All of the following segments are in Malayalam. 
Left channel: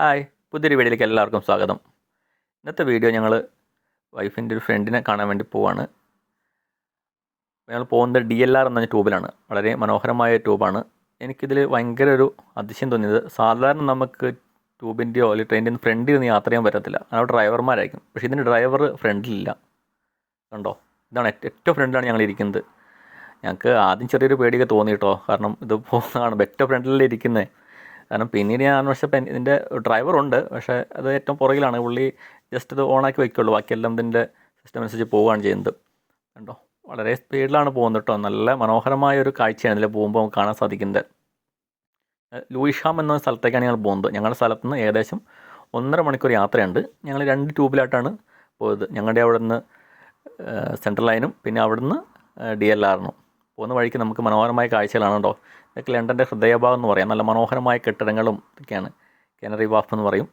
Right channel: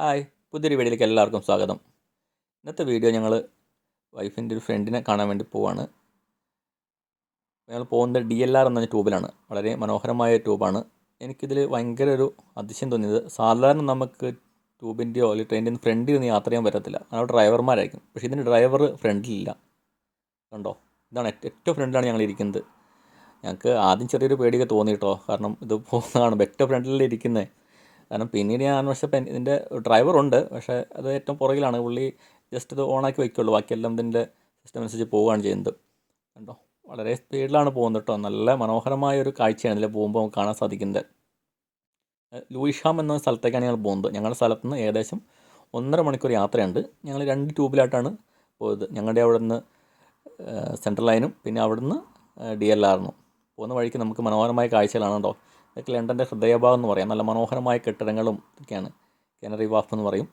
ഹായ്, പുതിയൊരു വീഡിയോയിലേക്ക് എല്ലാവർക്കും സ്വാഗതം. ഇന്നത്തെ വീഡിയോ ഞങ്ങൾ വൈഫിൻ്റെ ഒരു ഫ്രണ്ടിനെ കാണാൻ വേണ്ടി പോവാണ്. ഞങ്ങൾ പോകുന്നത് DLR എന്ന ട്യൂബിലാണ്. വളരെ മനോഹരമായ ട്യൂബാണ്. എനിക്കിതിൽ ഭയങ്കര ഒരു അതിശയം തോന്നിയത്, സാധാരണ നമുക്ക് ട്യൂബിൻ്റെയോ അല്ലെങ്കിൽ ട്രെയിനിൻ്റെ ഫ്രണ്ടിൽ നിന്ന് യാത്ര ചെയ്യാൻ പറ്റത്തില്ല. അവിടെ ഡ്രൈവർമാരായിരിക്കും. പക്ഷേ ഇതിന് ഡ്രൈവർ ഫ്രണ്ടിലില്ല. കണ്ടോ, ഇതാണ് ഏറ്റവും ഫ്രണ്ടിലാണ് ഞങ്ങൾ ഇരിക്കുന്നത്. ഞങ്ങൾക്ക് ആദ്യം ചെറിയൊരു പേടിയൊക്കെ തോന്നി കേട്ടോ. കാരണം ഇത് പോകുന്നതാണ് ഏറ്റവും ഫ്രണ്ടിലല്ലേ ഇരിക്കുന്നത്. കാരണം പിന്നീട് ഞാൻ അന്വേഷിച്ചപ്പോൾ ഇതിൻ്റെ ഡ്രൈവറുണ്ട്, പക്ഷേ അത് ഏറ്റവും പുറകിലാണ്. പുള്ളി ജസ്റ്റ് ഇത് ഓണാക്കി വയ്ക്കുള്ളൂ, ബാക്കിയെല്ലാം ഇതിൻ്റെ സിസ്റ്റം അനുസരിച്ച് പോവുകയാണ് ചെയ്യുന്നത്. കണ്ടോ, വളരെ സ്പീഡിലാണ് പോകുന്നത് കേട്ടോ. നല്ല മനോഹരമായ ഒരു കാഴ്ചയാണ് ഇതിൽ പോകുമ്പോൾ നമുക്ക് കാണാൻ സാധിക്കുന്നത്. ലൂയിഷാം എന്ന സ്ഥലത്തേക്കാണ് ഞങ്ങൾ പോകുന്നത്. ഞങ്ങളുടെ സ്ഥലത്ത് നിന്ന് ഏകദേശം 1.5 മണിക്കൂർ യാത്രയുണ്ട്. ഞങ്ങൾ 2 ട്യൂബിലായിട്ടാണ് പോയത്. ഞങ്ങളുടെ അവിടെ നിന്ന് സെൻട്രൽ ലൈനും പിന്നെ അവിടെ നിന്ന് DLRനും പോകുന്ന വഴിക്ക് നമുക്ക് മനോഹരമായ കാഴ്ചകളാണ് കേട്ടോ. ഇതൊക്കെ ലണ്ടൻ്റെ ഹൃദയഭാഗം എന്ന് പറയാം. നല്ല മനോഹരമായ കെട്ടിടങ്ങളും ഒക്കെയാണ്. കാനറി വാഫ് എന്ന് പറയും.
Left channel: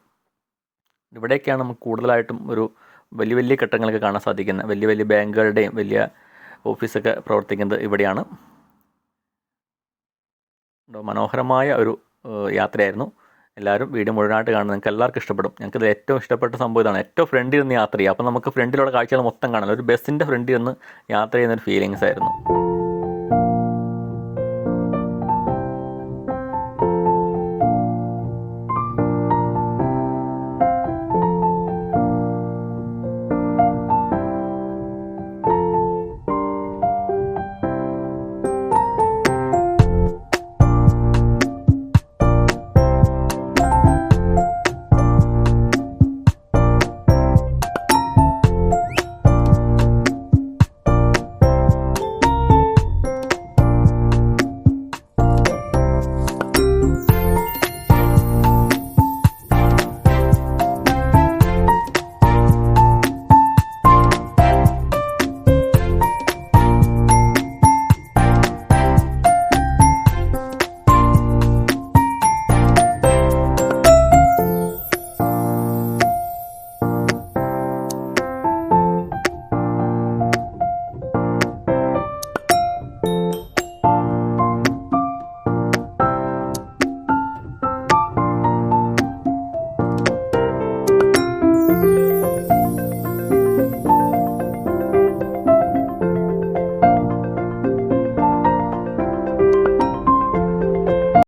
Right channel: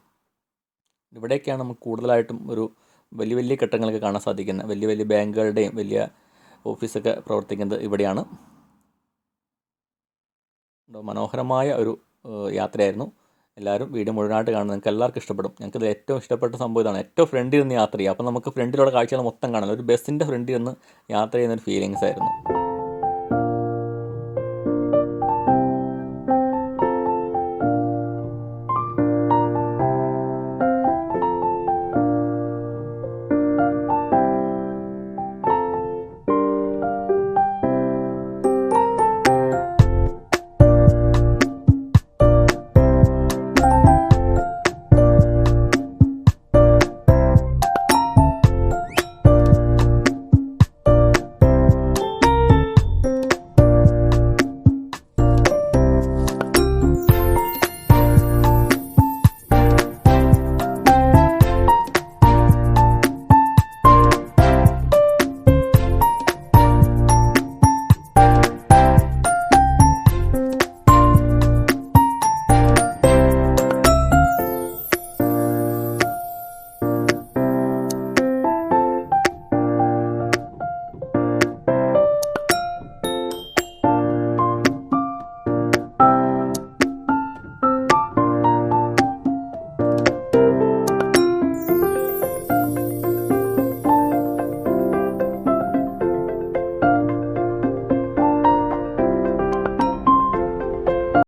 ഇവിടെയൊക്കെയാണ് നമുക്ക് കൂടുതലായിട്ടും ഒരു വലിയ വലിയ കെട്ടിടങ്ങളൊക്കെ കാണാൻ സാധിക്കുന്നത്. വലിയ വലിയ ബാങ്കുകളുടെയും വലിയ ഓഫീസൊക്കെ പ്രവർത്തിക്കുന്നത് ഇവിടെയാണ്. മനോഹരമായ ഒരു യാത്രയായിരുന്നു. എല്ലാവരും വീഡിയോ മുഴുവനായിട്ട് കാണുന്നത് നിങ്ങൾക്ക് എല്ലാവർക്കും ഇഷ്ടപ്പെടും. ഞങ്ങൾക്ക് ഏറ്റവും ഇഷ്ടപ്പെട്ട സംഭവം ഇതാണ്. ഏറ്റവും ഫ്രണ്ടിൽ നിന്ന് യാത്ര ചെയ്യുക. അപ്പോൾ നമുക്ക് ഫ്രണ്ടിലുള്ള കാഴ്ചകൾ മൊത്തം കാണാം. ഒരു ബസ്സിൻ്റെ ഫ്രണ്ടിൽ നിന്ന് യാത്ര ചെയ്യുന്നൊരു ഫീലിങ്സ് ആയിരുന്നു.